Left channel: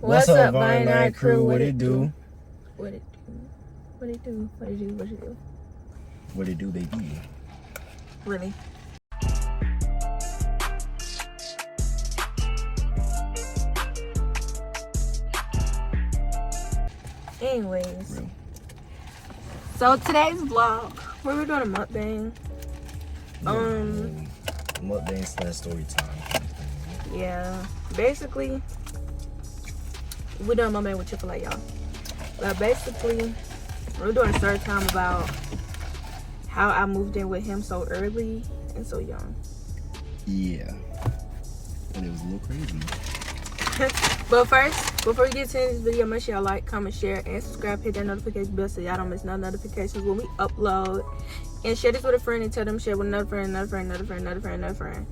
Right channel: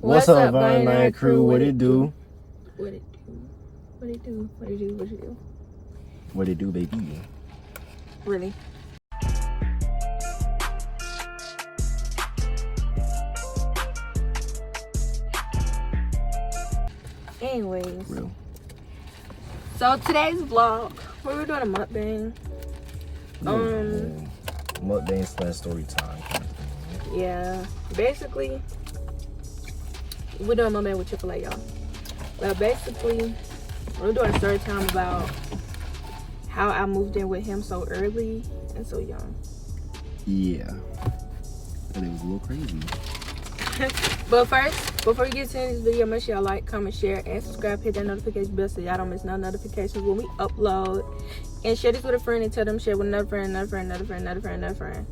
What's up, Vine crew? What it do? What it do? What it do? What it do? What it do? What it do, baby? Really? Anyways. Real. So today's vlog, we're doing a mukbang. Mukbang / story time kind of thing. Yeah. Basically, we're doing mukbang with Chick-fil-A, y'all. But basically, we're doing a story time about how I moved in with him so early and so young. Yeah. And it was a little crazy. But first, before we get to this video, make sure y'all like, comment, share, and subscribe. Hit that notification bell so y'all don't miss no notifications when we upload. And share this with a friend and tell them share with another friend, another friend, another friend, another friend, another friend.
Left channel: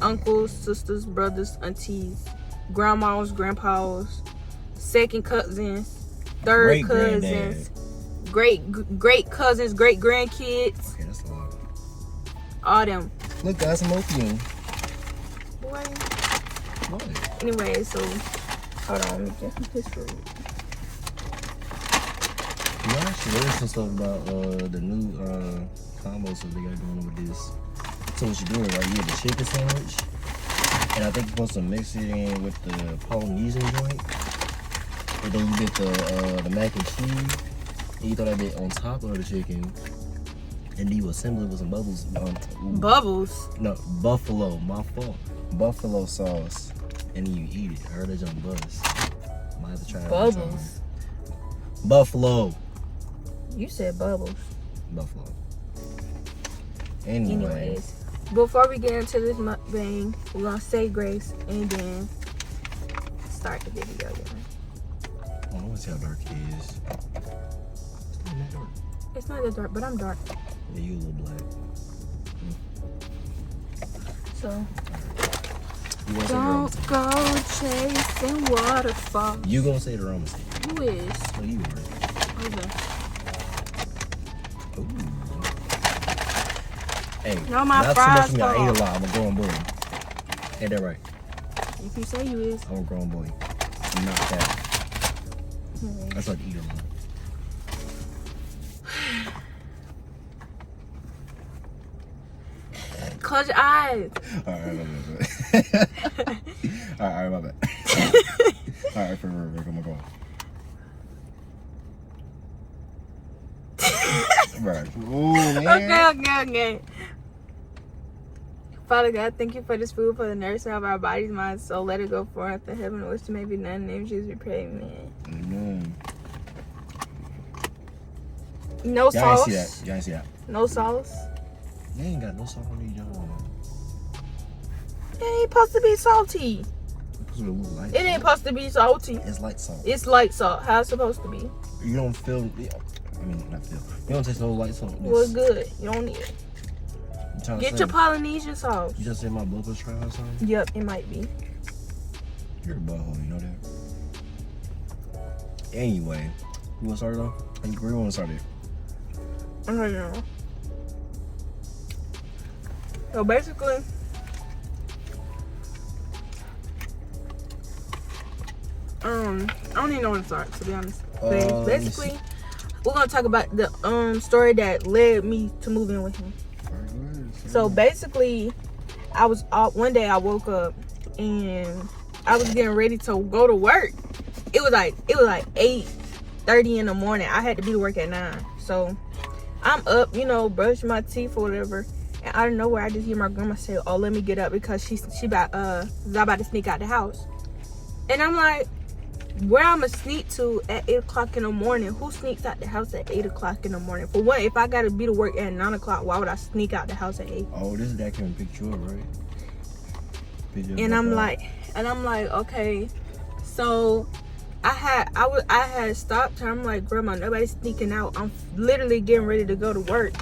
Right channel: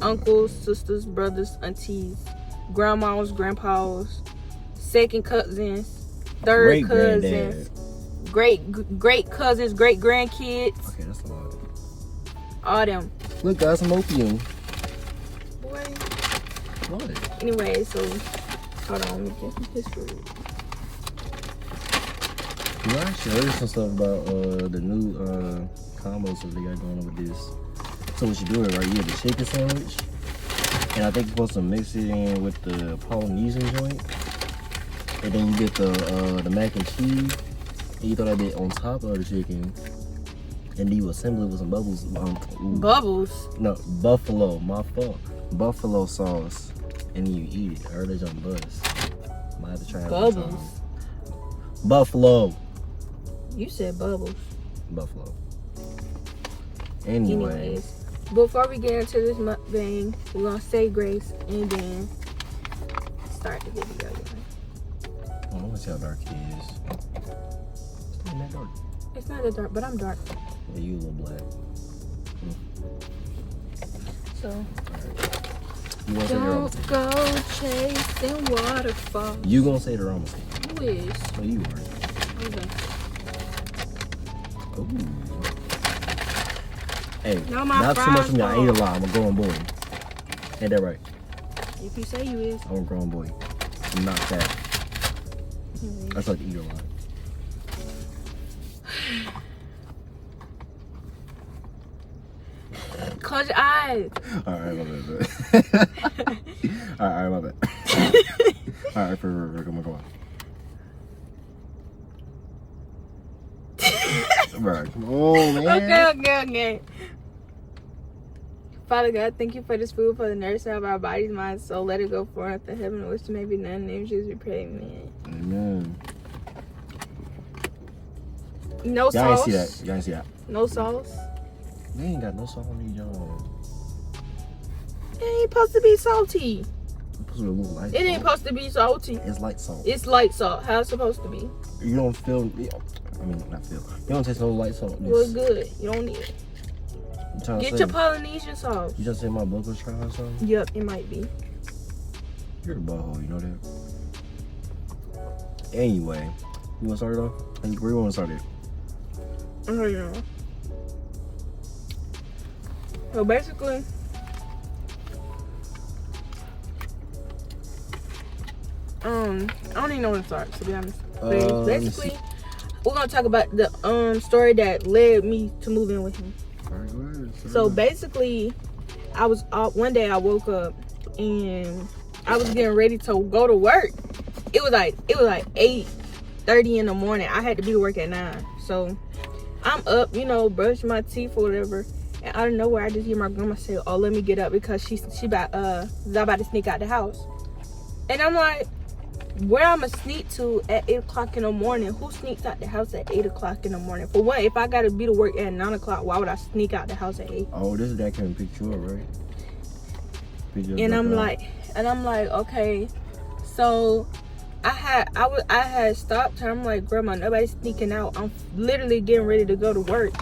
Uncles, sisters, brothers, aunties, grandmas, grandpas, second cousins, third cousins, great cousins, great grandkids. Okay, that's a lot. All them. Look, guys, I'm opening. Boy. What? Anyway, so hold on, let me get some history. You know, I actually heard some stuff about the new combos that they got going on with this. So what you do it right here, the chicken sandwich, and I think you're supposed to mix it in with the Polynesian joint, and then you get the mac and cheese, and you throw that bit on top of the chicken, and then you assemble it with some bubbles. Bubbles? No, buffalo. My fault. Buffalo sauce, and then you eat it. I heard it's on buzz. Might have to try it. Bubbles. Buffalo. You said bubbles. Buffalo. Anyways, before we get into this mukbang, we're gonna say grace and then start the video. I want to see how dark it is. It's not that dark. It's not that dark, but I'm dark. Yeah, you a little black. So, You gonna say the wrong don't go chasing waterfalls. You gonna say the wrong mistake. You is. So you are. Okay. Ooh. Hey, No, my not too much fries for me. I fall. ate a lot. I'm a grown boy. Ain't that right? If you say you is. I'm a grown boy. I'm not fat. I just like to eat a lot. Close your eyes. Alright, my bad. Alright, my bad. Alright, for real, come on. Right. Oh, man. Okay. Father God, thank you for this food, for the nourishment of our bodies, minds, soul. Let it go forth to heaven, which may be none. In the name of Jesus, we pray, amen. Amen. No Y'all sauce. ain't see that. No sauce. They ain't got no salt on these, y'all. It ain't supposed to be salty. It's supposed to look light It ain't salt. supposed to be salty. It's light salt. It's light salt. How it's supposed to be. You don't feel. I mean, not feel. You don't taste no light salt. Well, good. You don't need it. You trying to Get say, your Polynesian sauce. You just say my blood was trying or something? Yep, it might be. You're a butthole, you know that? Anyway, you want to start it off? Where you want to start it? I don't know. So basically, I don't even know where to start, to be honest. But basically, we're gonna talk about the story that led me to moving with him. So basically, I was one day I woke up and I was getting ready to go to work. It was like 8:30 in the morning. I had to be to work at 9. So I'm up, brushing my teeth or whatever. And out of nowhere, I just hear my grandma say, "Oh, let me get up," because she about to sneak out the house. And I'm like, where I'ma sneak to at 8 o'clock in the morning? Who sneaks out the house at 8 o'clock in the morning? For what? If I gotta be to work at 9 o'clock, why would I sneak out the house at 8? Oh, this is that can pick you up, right? And I'm like, okay. So I had stopped her. I'm like, Grandma, nobody's sneaking out. I'm literally getting ready to go to work.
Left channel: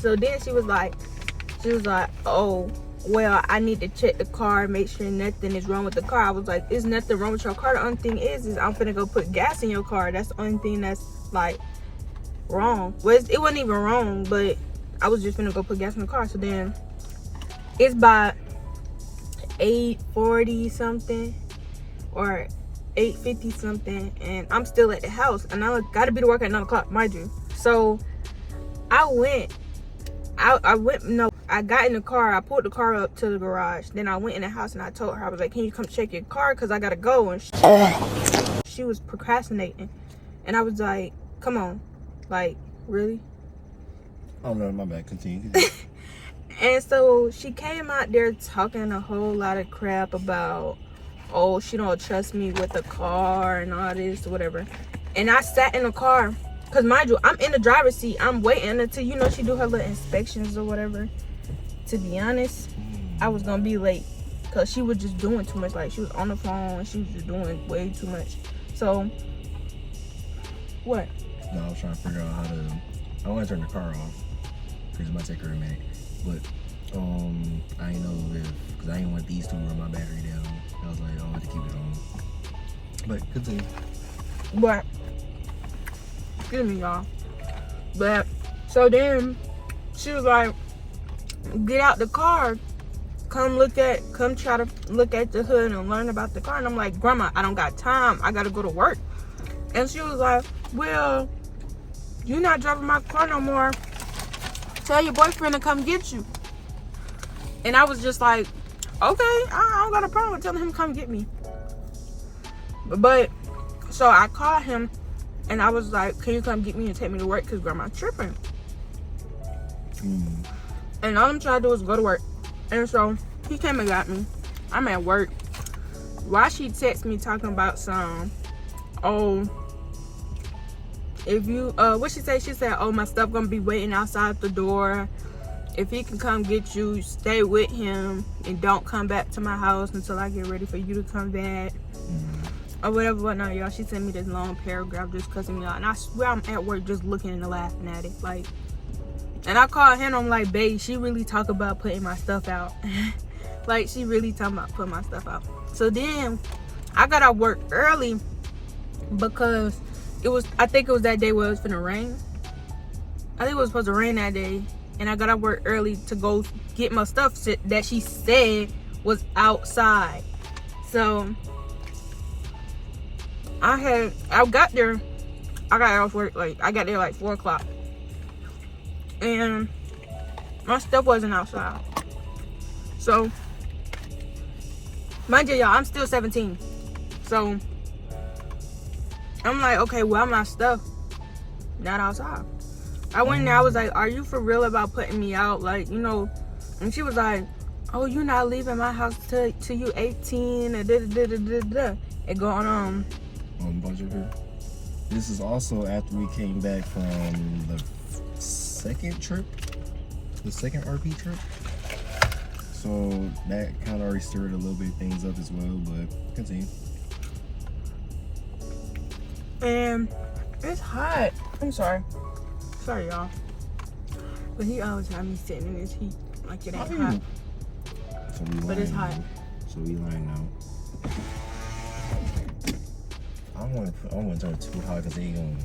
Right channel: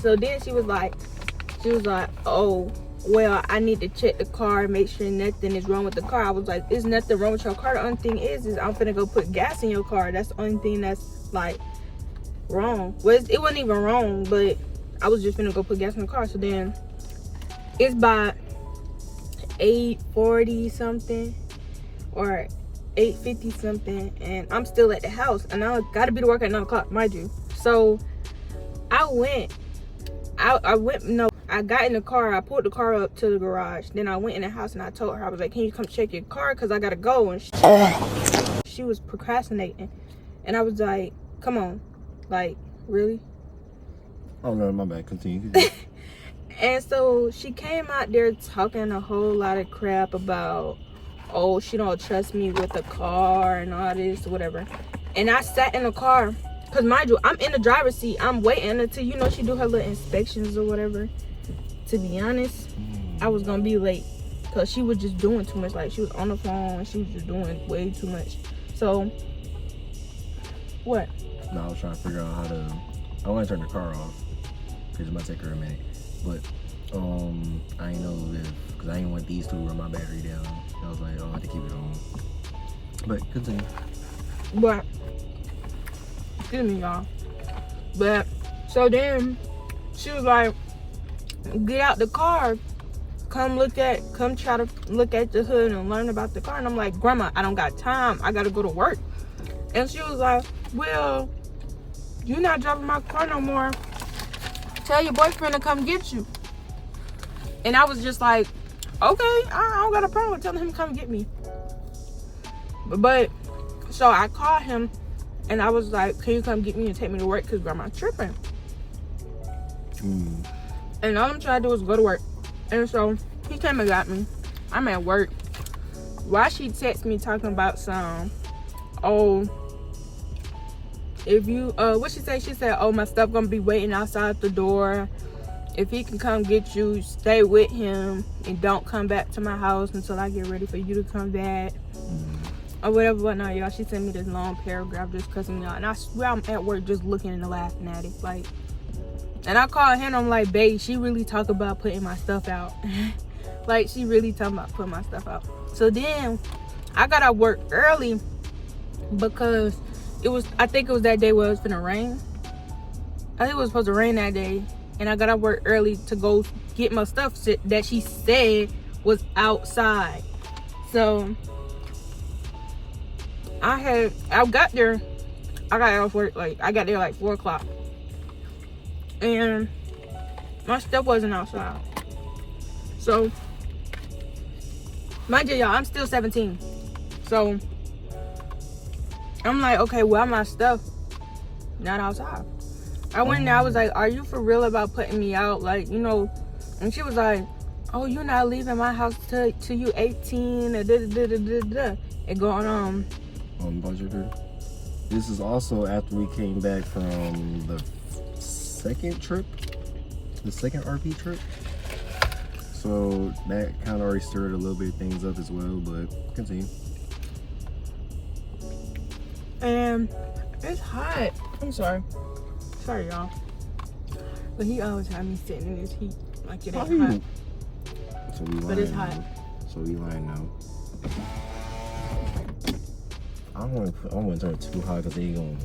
So then she was like, oh, well, I need to check the car, make sure nothing is wrong with the car. I was like, there's nothing wrong with your car. The only thing is I'm finna go put gas in your car. That's the only thing that's like wrong. Well, it wasn't even wrong, but I was just finna go put gas in the car. So then it's by 8:40 something, or 8:50 something, and I'm still at the house, and I gotta be to work at 9 o'clock, mind you. So I got in the car, I pulled the car up to the garage, then I went in the house and I told her, I was like, can you come check your car, because I gotta go. And she was procrastinating, and I was like, come on, like, really? Oh no, my bad, continue. And so she came out there talking a whole lot of crap about, oh, she don't trust me with the car and all this or whatever. And I sat in the car, because mind you, I'm in the driver's seat. I'm waiting until, you know, she do her little inspections or whatever. To be honest, I was going to be late, because she was just doing too much. Like, she was on the phone, and she was just doing way too much. So, what? No, I was trying to figure out how to, I want to turn the car off, because it might take her a minute. But, I ain't know if, because I ain't want these two to run my battery down. I was like, oh, I have to keep it on. But, continue. But, excuse me, y'all. But, so then, she was like, get out the car, come try to look at the hood and learn about the car. And I'm like, Grandma, I don't got time, I gotta go to work. And she was like, well, you're not driving my car no more, tell your boyfriend to come get you. And I was just like, okay, I don't got a problem with telling him to come get me. But so I called him and I was like, can you come get me and take me to work, because Grandma's tripping. And all I'm trying to do is go to work. And so he came and got me. I'm at work. Why she texted me talking about some, oh, if you, what she say? She said, oh, my stuff gonna be waiting outside the door. If he can come get you, stay with him and don't come back to my house until I get ready for you to come back. Or whatever, whatnot, y'all. She sent me this long paragraph just cussing me out. And I swear I'm at work just looking and laughing at it. Like, and I called him, I'm like, babe, she really talk about putting my stuff out. Like, she really talking about putting my stuff out. So then, I got out work early because I think it was that day where it was finna rain. I think it was supposed to rain that day. And I got out work early to go get my stuff that she said was outside. So, I got there, I got off work, like, I got there like 4 o'clock. And my stuff wasn't outside. So, mind you, y'all, I'm still 17. So, I'm like, okay, well, my stuff not outside. I went in there, I was like, are you for real about putting me out? Like, you know, and she was like, oh, you're not leaving my house till you 18, and and going on. This is also after we came back from the second RP trip. So that kind of already stirred a little bit of things up as well, but continue. And it's hot. I'm sorry, y'all. But he always had me sitting in this heat like it ain't hot. So but it's hot. So we lying now. I don't want to turn it too high because they ain't gonna.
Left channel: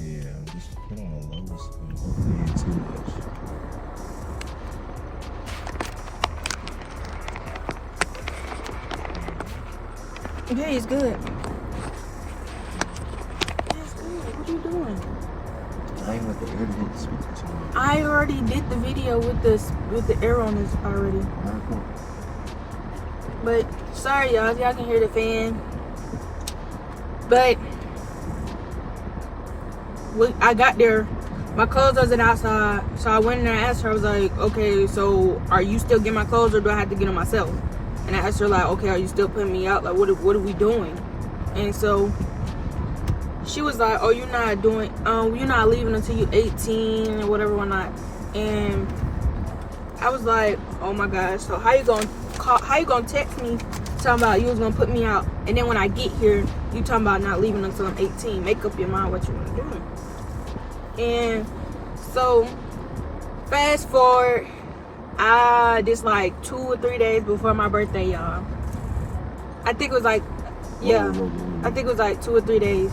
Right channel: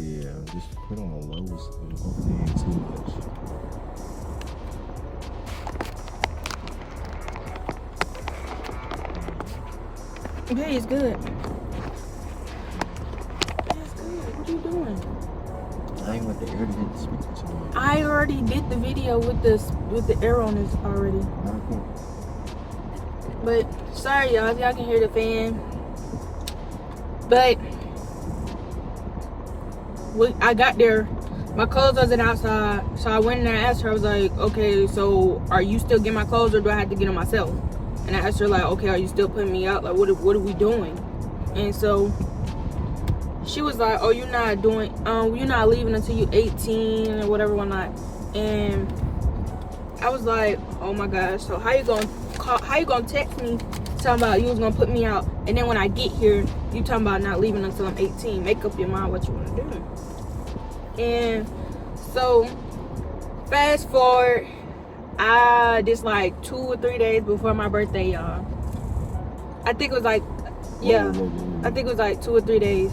Yeah, just put on the lowest. Too much. Okay, it's good. It's good. What are you doing? I ain't want the air to hit the speaker too much. I already did the video with the air on this already. Cool. But sorry, y'all can hear the fan. But I got there, my clothes wasn't outside, so I went in there and asked her. I was like, okay, so are you still getting my clothes, or do I have to get them myself? And I asked her, like, okay, are you still putting me out? Like, what are we doing? And so she was like, oh, you're not leaving until you're 18 or whatever, whatnot. And I was like, oh my God, so how you gonna text me talking about you was gonna put me out, and then when I get here, you talking about not leaving until I'm 18. Make up your mind what you want to do. And so, fast forward, this like 2 or 3 days before my birthday, y'all. I think it was like, yeah, I think it was like 2 or 3 days.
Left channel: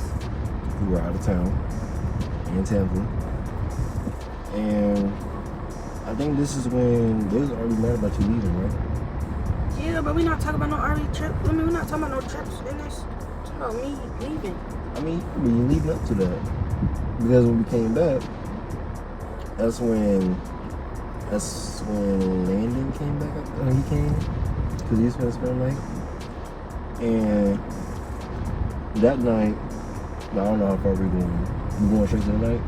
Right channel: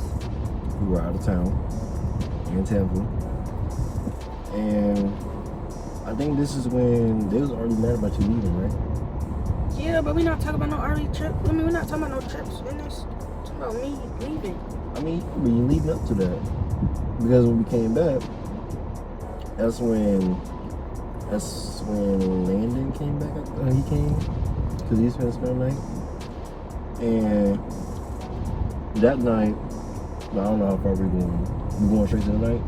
We were out of town in Tampa, and I think this is when they was already mad about you leaving, right? Yeah, but we're not talking about no RV trip. I mean, we're not talking about no trips in this. about me leaving. I mean, we leading up to that. Because when we came back, that's when Landon came back. He came because he was gonna spend the night. And that night, I don't know how far we going. We going straight to the night.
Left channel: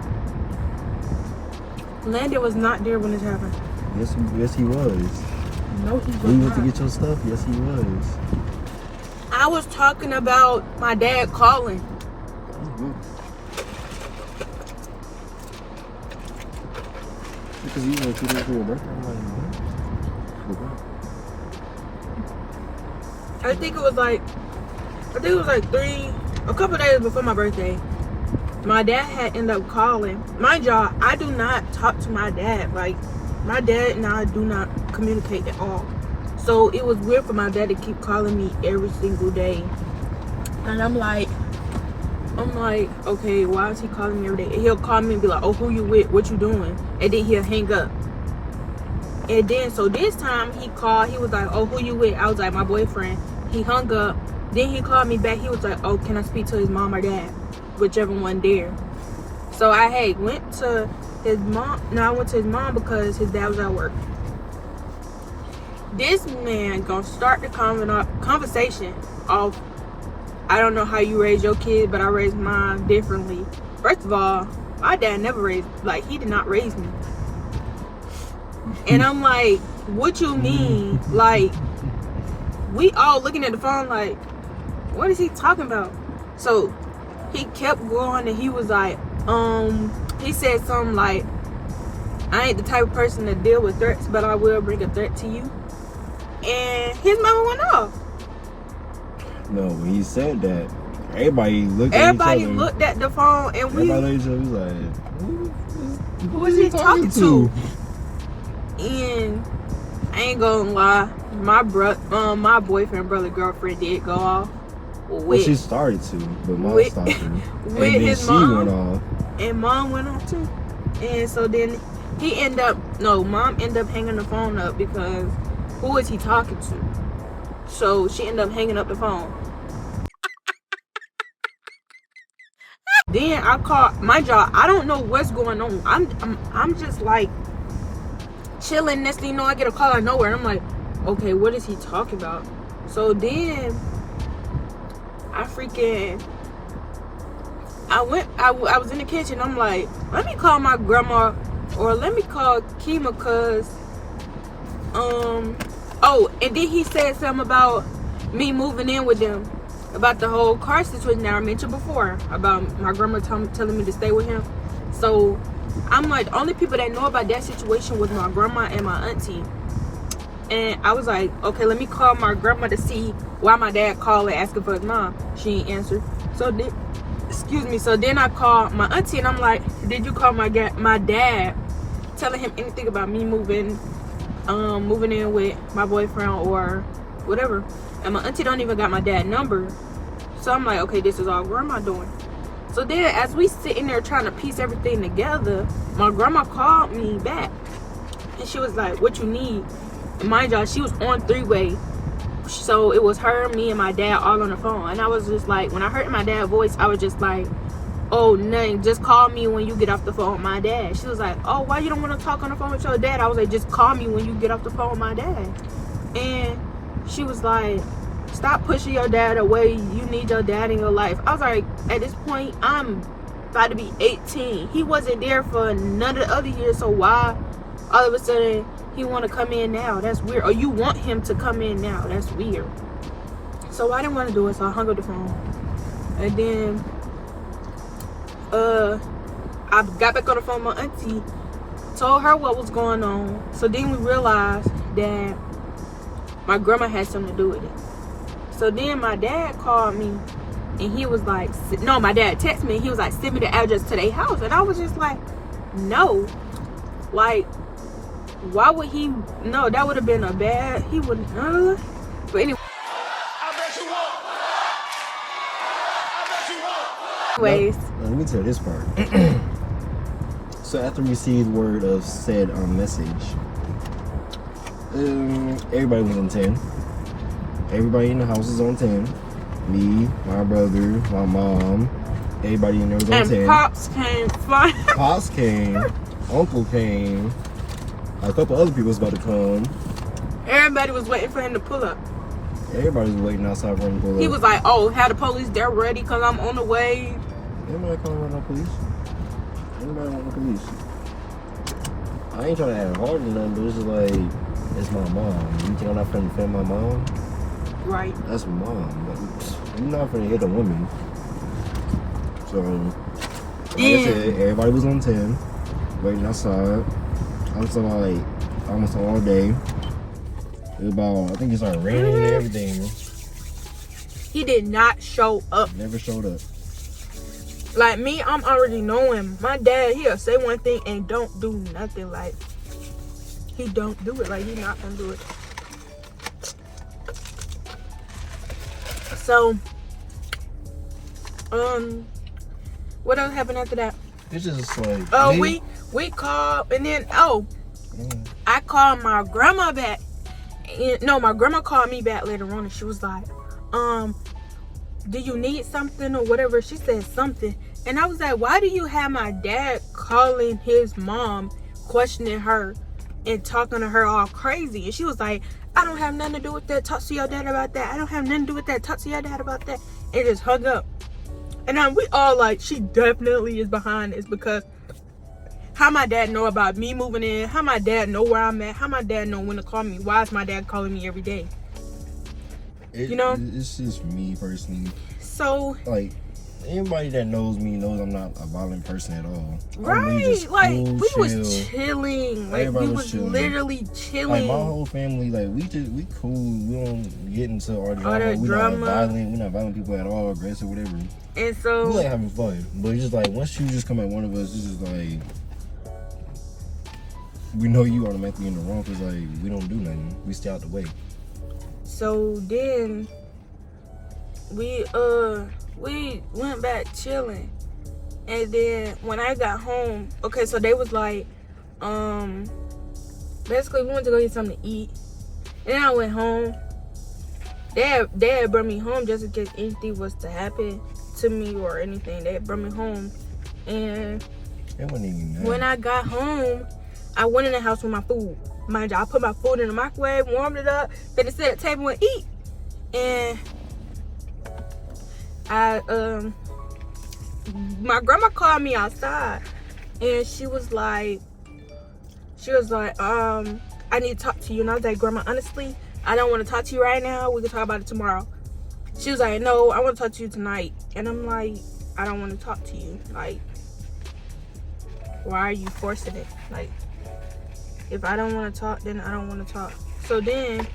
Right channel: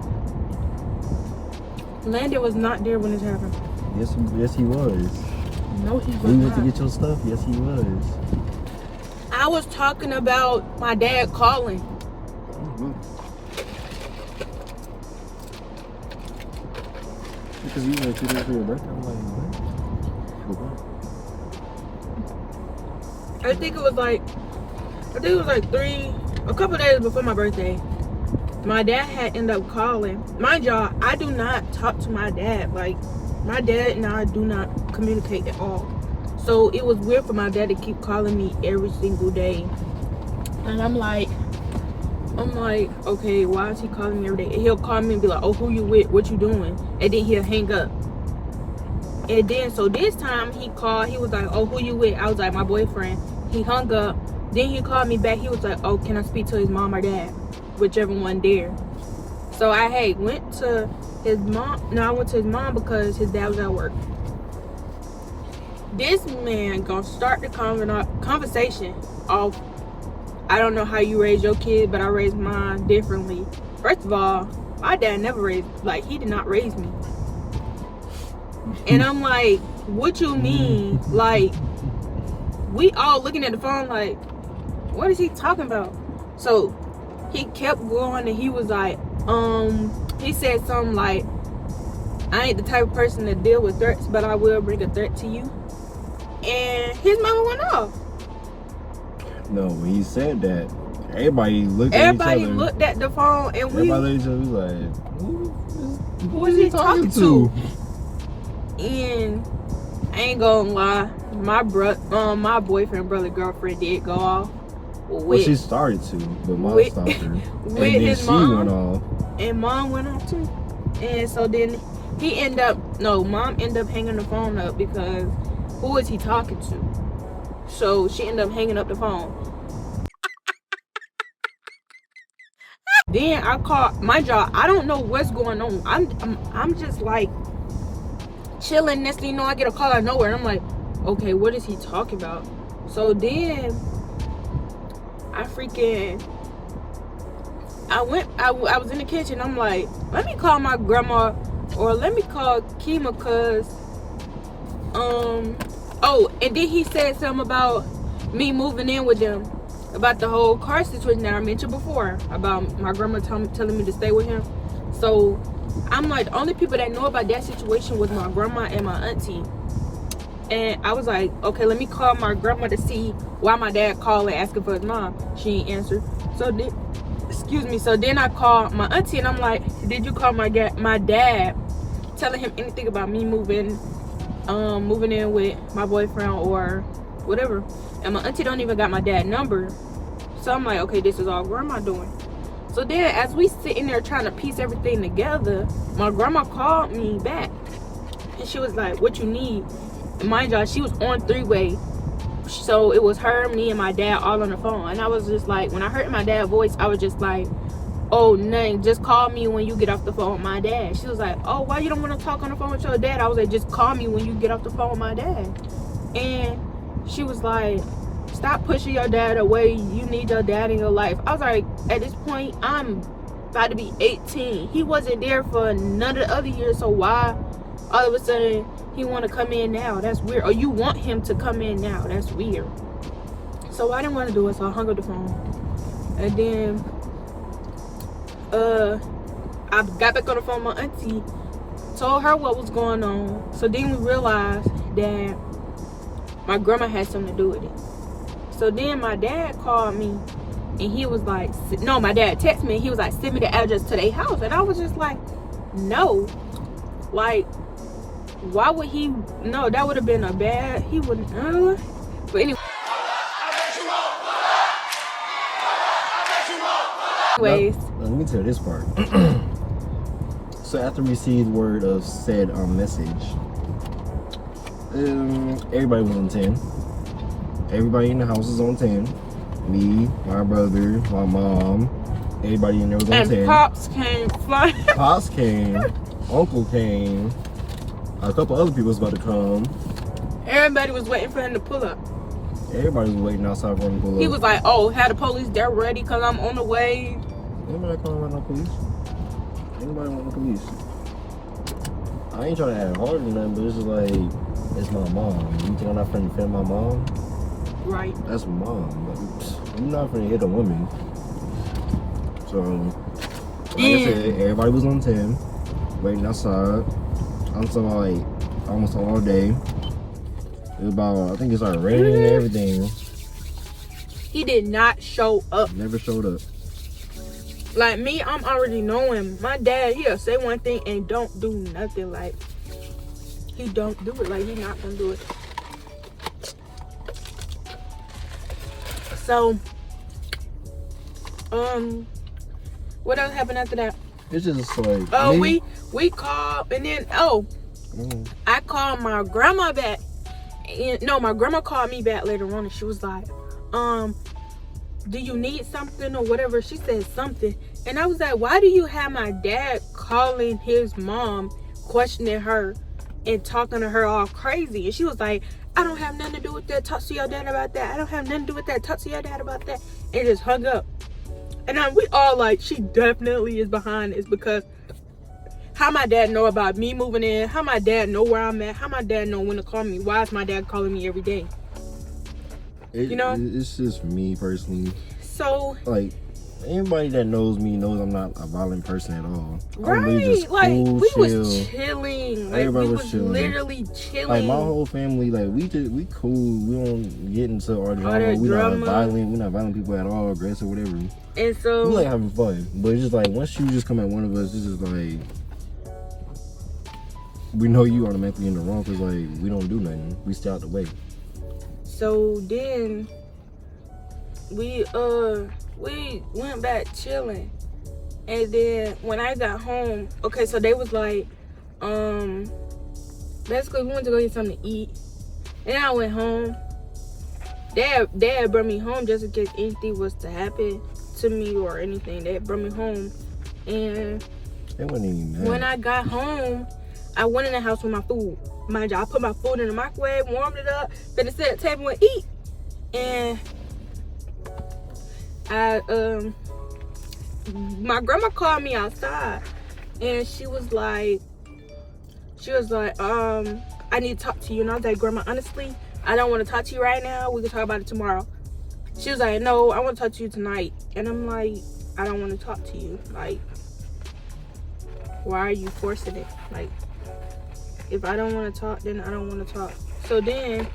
Landon was not there when this happened. Yes, he was. No, he was When you went not. to get your stuff, yes, he was. I was talking about my dad calling. Mm-hmm. Because you went 2 days for your birthday. I'm like, what? I think it was like a couple days before my birthday. My dad had ended up calling. Mind y'all, I do not talk to my dad. Like, my dad and I do not communicate at all. So it was weird for my dad to keep calling me every single day. And I'm like, okay, why is he calling me every day? And he'll call me and be like, oh, who you with? What you doing? And then he'll hang up. And then, so this time he called, he was like, oh, who you with? I was like, my boyfriend. He hung up. Then he called me back. He was like, oh, can I speak to his mom or dad? Whichever one there. So I went to his mom. No, I went to his mom because his dad was at work. This man gonna start the conversation off. I don't know how you raise your kid, but I raised mine differently. First of all, my dad never raised, like, he did not raise me. And I'm like, what you mean? Like, we all looking at the phone like, what is he talking about? So he kept going and he was like, he said something like, I ain't the type of person to deal with threats, but I will bring a threat to you. And his mama went off. No, when he said that, everybody looked at each other. Everybody looked at the phone and everybody looked at each other, was like, who is he talking to? And I ain't gonna lie, my boyfriend, brother, girlfriend did go off. Well, she started to, but mom stopped her. With and then his she mom, went off. And mom went off too. And so then mom ended up hanging the phone up because who is he talking to? So she ended up hanging up the phone. Then I called my job. I don't know what's going on. I'm just like chilling. Next thing you know, I get a call out of nowhere, and I'm like, okay, what is he talking about? So then I was in the kitchen. I'm like, let me call my grandma or let me call Kima, cause and then he said something about me moving in with them, about the whole car situation that I mentioned before, about my grandma telling me to stay with him. So I'm like, the only people that know about that situation was my grandma and my auntie. And I was like, okay, let me call my grandma to see why my dad called and asking for his mom. She ain't answered. So then I called my auntie and I'm like, did you call my dad telling him anything about me moving in with my boyfriend or whatever? And my auntie don't even got my dad's number. So I'm like, okay, this is all grandma doing. So then as we sitting there trying to piece everything together, my grandma called me back and she was like, what you need? And mind y'all, she was on 3-way. So it was her, me, and my dad all on the phone. And I was just like, when I heard my dad's voice, I was just like, oh, nothing, just call me when you get off the phone with my dad. She was like, oh, why you don't want to talk on the phone with your dad? I was like, just call me when you get off the phone with my dad. And she was like, stop pushing your dad away. You need your dad in your life. I was like, at this point, I'm about to be 18. He wasn't there for none of the other years, so why all of a sudden he want to come in now? That's weird. Or you want him to come in now? That's weird. So I didn't want to do it, so I hung up the phone. And then I got back on the phone with my auntie, told her what was going on. So then we realized that my grandma had something to do with it. So then my dad called me and he was like, no, my dad texted me and he was like, send me the address to their house. And I was just like, no. Like, why would he? No, that would have been a bad, he wouldn't, but anyway. I bet you won't. I bet you won't. Anyways. Let me tell you this part. So after we received word of said message, everybody was on 10. Everybody in the house was on 10. Me, my brother, my mom, everybody in there was on And 10. Pops came flying. Pops came, Uncle came, a couple other people was about to come. Everybody was waiting for him to pull up. Everybody was waiting outside for him to pull up. He was like, oh, had the police, they're ready because I'm on the way. Anybody calling about no police? Anybody want no police? I ain't trying to act hard or nothing, but it's just like, it's my mom. You think I'm not finna defend my mom? Right. That's my mom. Like, you're not finna hit a woman. So, like I said, everybody was on 10, waiting outside. I'm talking about like almost all day. It was about, I think it started raining and everything. He did not show up. Never showed up. Like me, I'm already knowing. My dad, he'll say one thing and don't do nothing. Like, he don't do it. Like, he not gonna do it. So, what else happened after that? It's just like, Oh, we called, and then, I called my grandma back. No, my grandma called me back later on, and she was like, do you need something or whatever? She said something, and I was like, why do you have my dad calling his mom, questioning her and talking to her all crazy? And she was like, I don't have nothing to do with that, talk to your dad about that. I don't have nothing to do with that, talk to your dad about that. And just hung up. And we all like, she definitely is behind this, because how my dad know about me moving in, how my dad know where I'm at, how my dad know when to call me. Why is my dad calling me every day? You know? It's just me personally. So, like, anybody that knows me knows I'm not a violent person at all. right, I'm really just like, cool, we chill. was chilling. Like, Everybody we was was chilling. literally chilling. Like, my whole family, like, we cool. We don't get into all that we drama. not violent. We're not violent people at all, aggressive, whatever. And so, We like having fun. But it's just like, once you just come at one of us, it's just like, we know you automatically in the wrong, because, like, we don't do nothing. We stay out the way. so then we went back chilling. And then when I got home, okay, so they was like, basically we went to go get something to eat. Then I went home. Dad brought me home just in case anything was to happen to me or anything. They brought me home. And It wasn't even mad. when I got home, I went in the house with my food. Mind you, I put my food in the microwave, warmed it up, then I sat at the table and eat. And my grandma called me outside, and she was like, I need to talk to you. And I was like, Grandma, honestly, I don't want to talk to you right now. We can talk about it tomorrow. She was like, no, I want to talk to you tonight. And I'm like, I don't want to talk to you. Like, why are you forcing it? Like, if I don't want to talk, then I don't want to talk. So then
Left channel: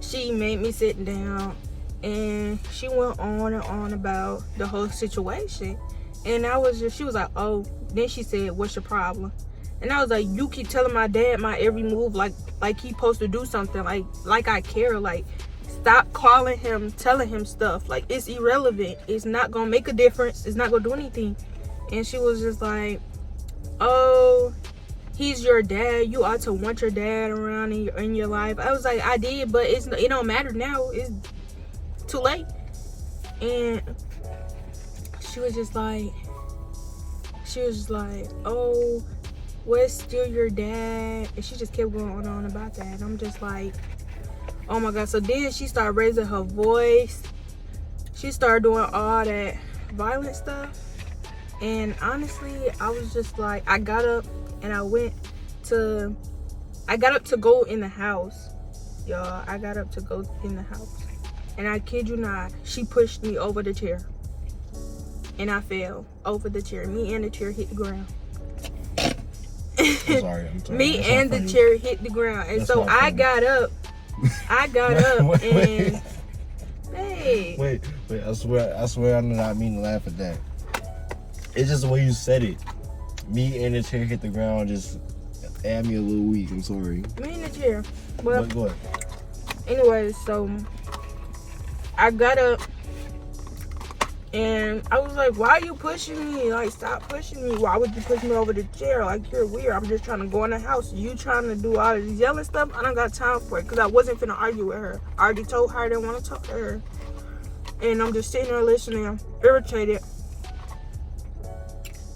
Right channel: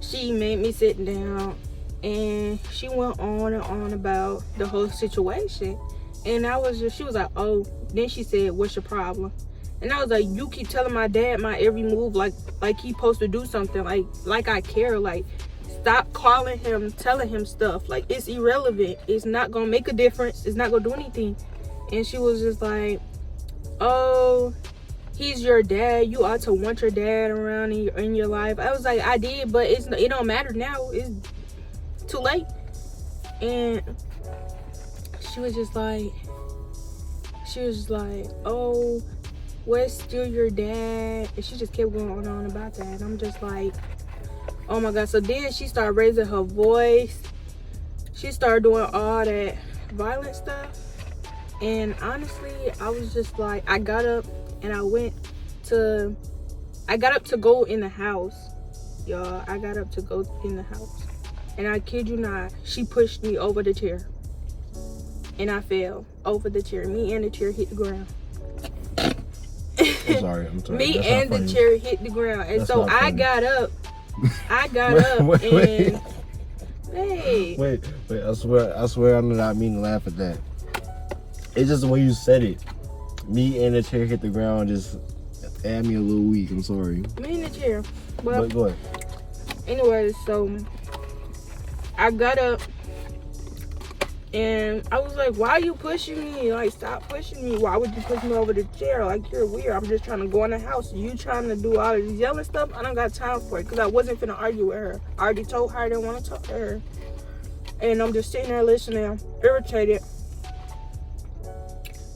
she made me sit down, and she went on and on about the whole situation. And she was like, oh, then she said, what's your problem? And I was like, you keep telling my dad my every move like he supposed to do something, like I care. Like, stop calling him, telling him stuff. Like, it's irrelevant. It's not gonna make a difference. It's not gonna do anything. And she was just like, oh, he's your dad. You ought to want your dad around in your life. I was like, I did, but it don't matter now. It's too late. And she was just like, oh, where's still your dad? And she just kept going on about that. And I'm just like, oh my God. So then she started raising her voice. She started doing all that violent stuff. And honestly, I was just like, I got up and I got up to go in the house. Y'all, I got up to go in the house. And I kid you not, she pushed me over the chair. And I fell over the chair. Me and the chair hit the ground. I'm sorry. Me That's and not the funny. chair hit the ground. And That's so not I funny. got up. Wait. Hey. Wait, I swear I did not mean to laugh at that. It's just the way you said it. Me and the chair hit the ground just add me a little weak. I'm sorry. Me and the chair. Well, But go ahead. anyways, so I got up and I was like, why are you pushing me? Like, stop pushing me. Why would you push me over the chair? Like, you're weird. I'm just trying to go in the house. You trying to do all this yelling stuff? I don't got time for it, because I wasn't finna argue with her. I already told her I didn't want to talk to her. And I'm just sitting there listening, irritated.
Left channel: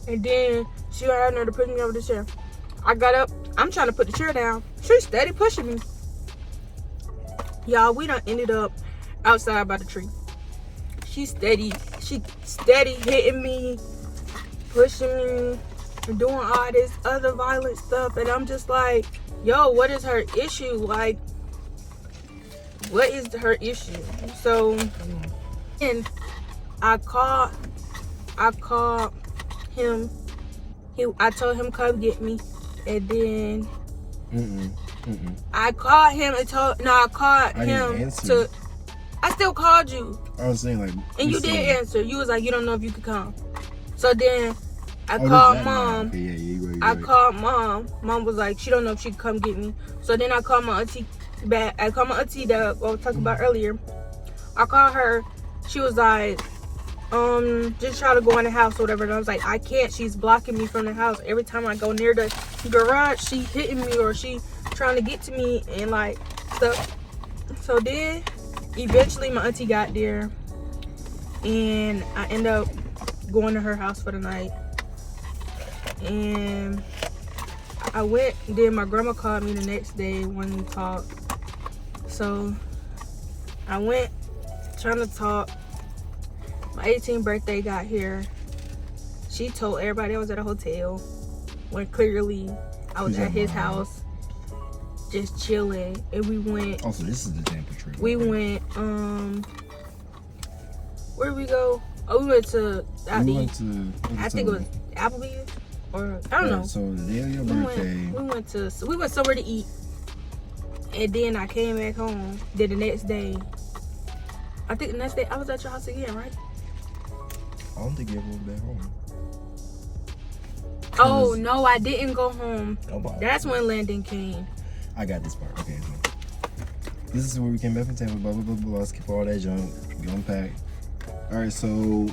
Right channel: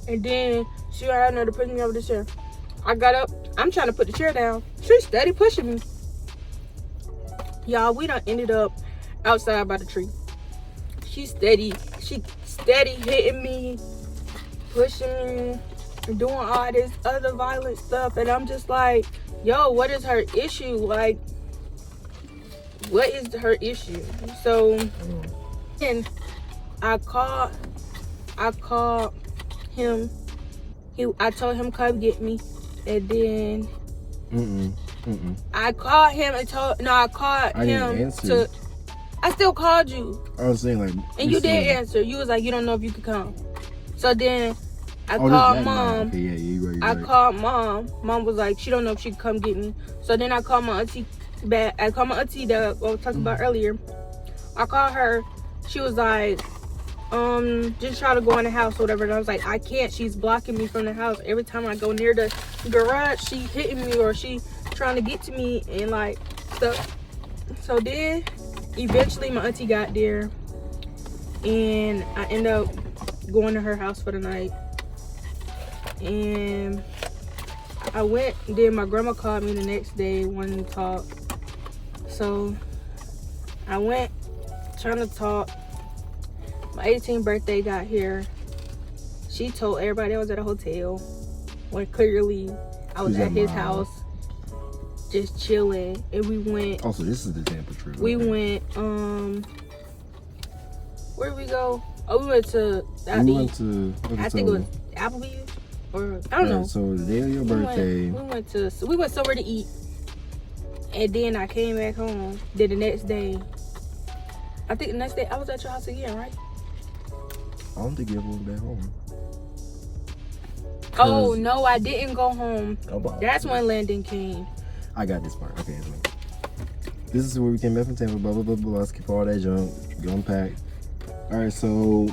And then she had her to push me over the chair. I got up. I'm trying to put the chair down. She's steady pushing me. Y'all, we done ended up outside by the tree. She steady hitting me, pushing me, and doing all this other violent stuff. And I'm just like, yo, what is her issue? Like, what is her issue? So, and I called him. I told him come get me, and then I called him and I called him to. I still called you. I was saying like, and you did answer. You was like, you don't know if you could come. So then I called mom. Okay, yeah, you're right. I called mom. Mom was like, she don't know if she could come get me. So then I called my auntie back. I called my auntie that I was talking about earlier. I called her. She was like, just try to go in the house or whatever. And I was like, I can't. She's blocking me from the house. Every time I go near the garage, she hitting me or she trying to get to me and like stuff. So then eventually my auntie got there and I ended up going to her house for the night. And I went, then my grandma called me the next day wanting to talk. So I went trying to talk. My 18th birthday got here. She told everybody I was at a hotel when clearly I was at his house just chilling. And we went. Also, this is the Tampa trip. We went, where did we go? Oh, we went to, I think it was Applebee's or I don't know. So the day of your birthday. We went somewhere to eat. And then I came back home. Then the next day, I think the next day I was at your house again, right? I don't think you ever went back home. Oh, no, I didn't go home. Oh, that's when Landon came. I got this part. Okay. So this is where we came back from Tampa, blah, blah, blah, blah. Skip all that junk. Go unpack. All right, so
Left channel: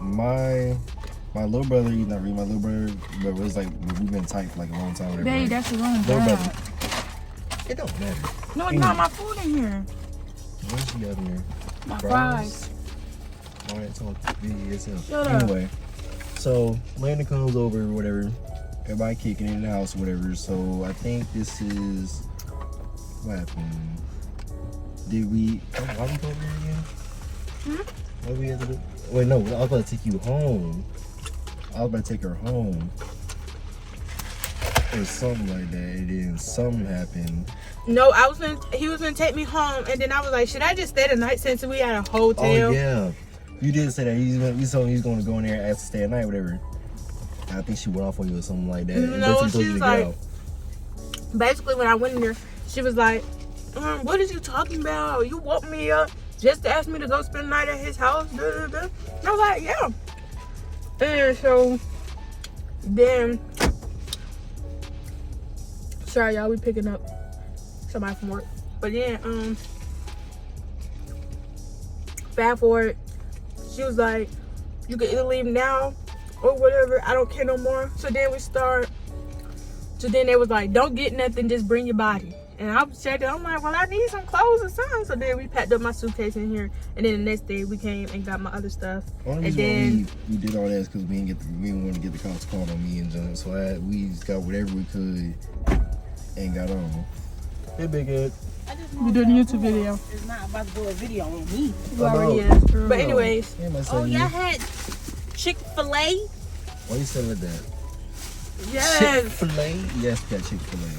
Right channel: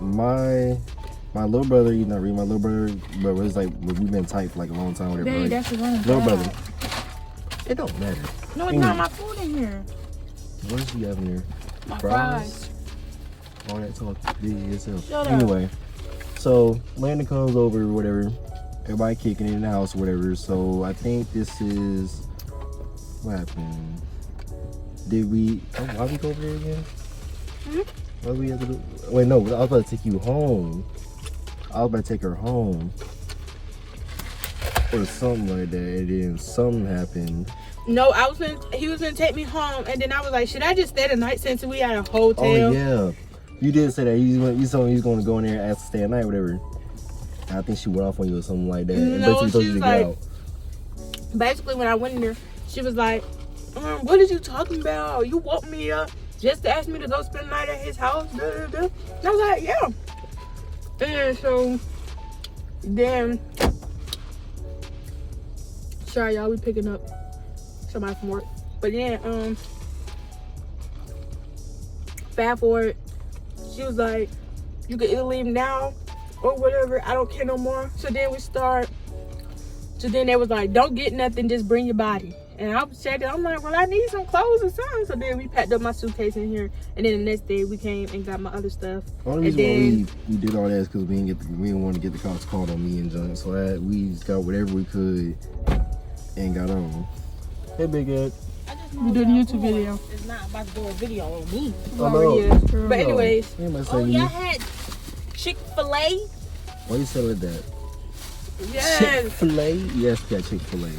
my little brother, not really my little brother, but it's like, we've been tight for like a long time. Whatever. Babe, that's your room. Little brother. It don't matter. No, it's not my food in here. What else you got in there? My fries. All that talk. Do it yourself. Shut up. Anyway, so Landon comes over, whatever. Everybody kicking in the house, whatever. So I think this is what happened. Did we? Why we go over there again? Why we have to? Wait, no. I was about to take you home. I was about to take her home or something like that, and then something happened. No, he was gonna take me home, and then I was like, should I just stay the night since we had a hotel? Oh yeah, you did say that. You told me he was gonna go in there and ask to stay at night, whatever. And I think she went off on you or something like that. No, she was like, basically when I went in there, she was like, what is you talking about? You woke me up just to ask me to go spend the night at his house. And I was like, yeah. And so then, sorry y'all, we picking up somebody from work. But then, fast forward, she was like, you can either leave now or whatever, I don't care no more. So then they was like, don't get nothing, just bring your body. And I said, I'm like, well, I need some clothes or something. So then we packed up my suitcase in here, and then the next day we came and got my other stuff. The only reason why we did all that is because we didn't want to get the cops called on me and John. So we just got whatever we could and got on. Hey, big head. We doing a YouTube video. It's not about to do a video on me. But anyways, oh, y'all had Chick-fil-A? Why you selling that? yes. Chick-fil-A? Yes, that Chick-fil-A.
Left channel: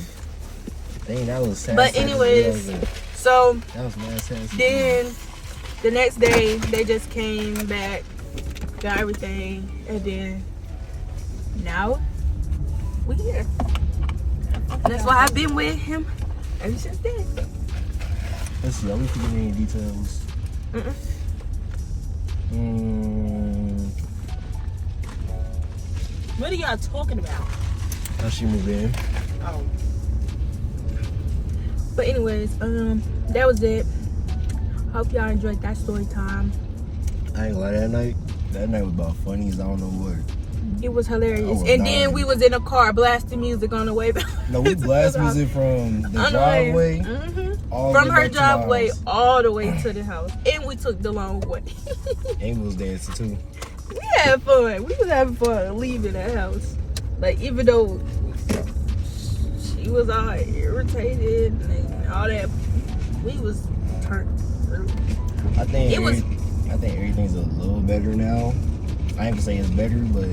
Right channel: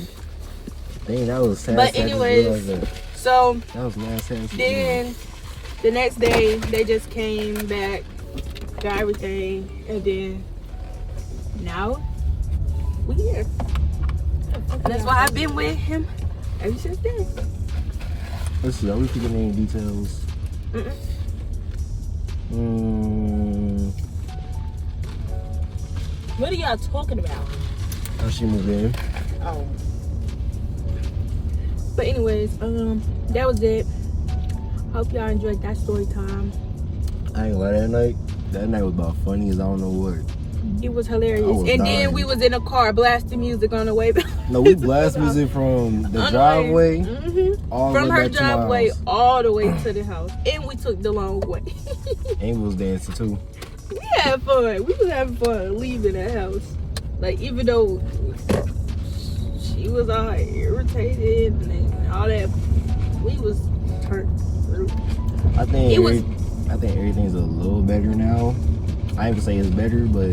Dang, that was sad. But anyways, so that was nice. Then the next day they just came back, got everything, and then now we here. And that's why I've been with him ever since then. Let's see, are we forgetting any details? What are y'all talking about? How she moved in? Oh. But anyways, that was it. Hope y'all enjoyed that story time. I ain't gonna lie, that night was about funny as I don't know what. It was hilarious. I was And dying. then we was in a car blasting music on the way back. No, we blast music from the driveway all the From way her back to my driveway house. all the way to the house. And we took the long way. And we was dancing too. We had fun. We was having fun leaving the house. Like, even though she was all irritated and all that, we was turned through. I think everything's a little better now. I ain't gonna say it's better, but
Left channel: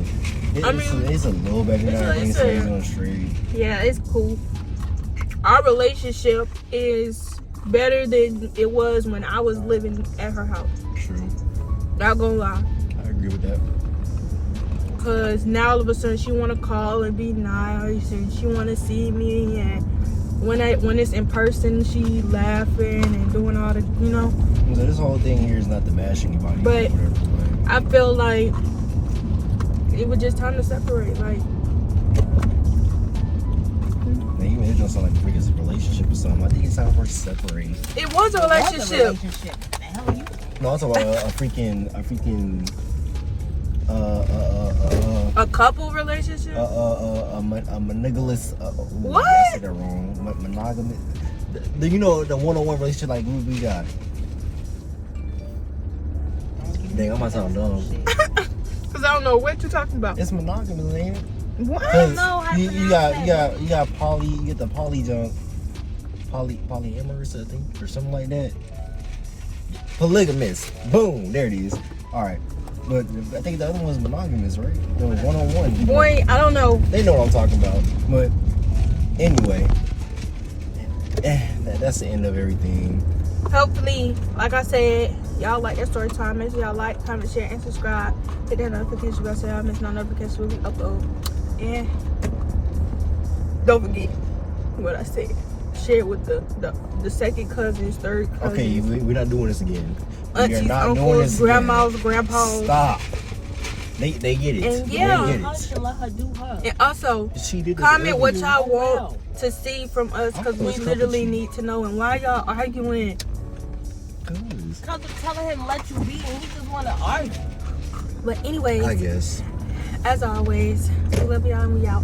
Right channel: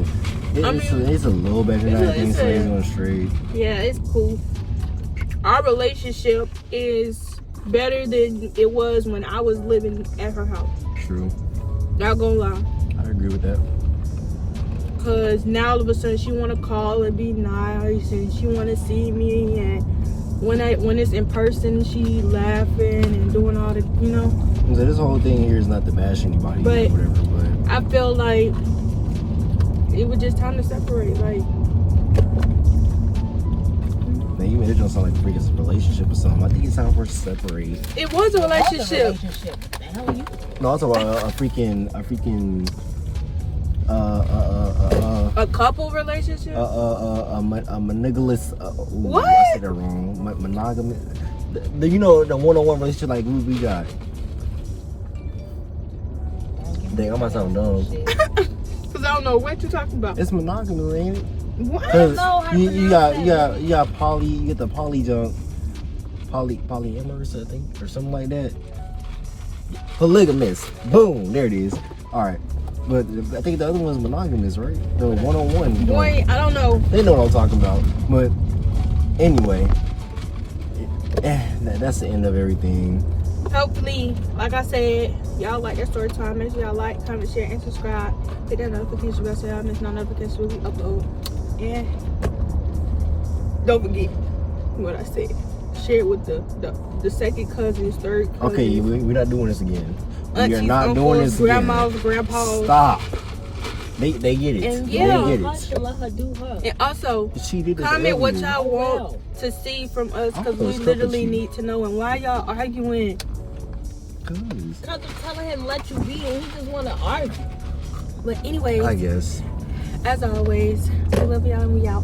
it's a little better now. Everything's going straight. Yeah, it's cool. Our relationship is better than it was when I was living at her house. True. Not gonna lie. I agree with that. Cause now all of a sudden she wanna call and be nice, and she wanna see me, and when it's in person, she laughing and doing all the, you know. So this whole thing here is not to bash anybody or But whatever, but I feel like it was just time to separate. Like, man, you made it sound like a freaking relationship or something. I think it's time for us to separate. it was a relationship. The hell you? No, I'm talking about a freaking A couple relationship. a monogamous. What? I said that wrong. Monogamous. You know, the one-on-one relationship like we got. Dang, I might sound dumb. Cause I don't know what you're talking about. It's monogamous, ain't it? What? Cause know how to you pronounce got poly, you get the poly junk, polyamorous, I think, or something like that. Polygamous. Boom, there it is. All right, but I think the other one's monogamous, right? The one-on-one. Boy, I don't know. They know what I'm talking about. But anyway, that's the end of everything. Hopefully, like I said, y'all like that story time. Make sure y'all like, comment, share, and subscribe. Hit that notification bell so y'all miss no notifications when we upload. And don't forget what I said. Share it with the second cousins, third cousins. Okay, we're not doing this again. We are aunties, not uncles, doing this grandmas, again. grandpas. Stop. They get it. And They yeah. get I it. should let her do her. And also, She did this comment what earlier. y'all want Well. to see from us, because Oh, we it's literally comfort need to know. And why y'all arguing? Cause, Cause I'm telling him let you be, and he just want to argue. But anyways, I guess. as always, we love y'all and we out.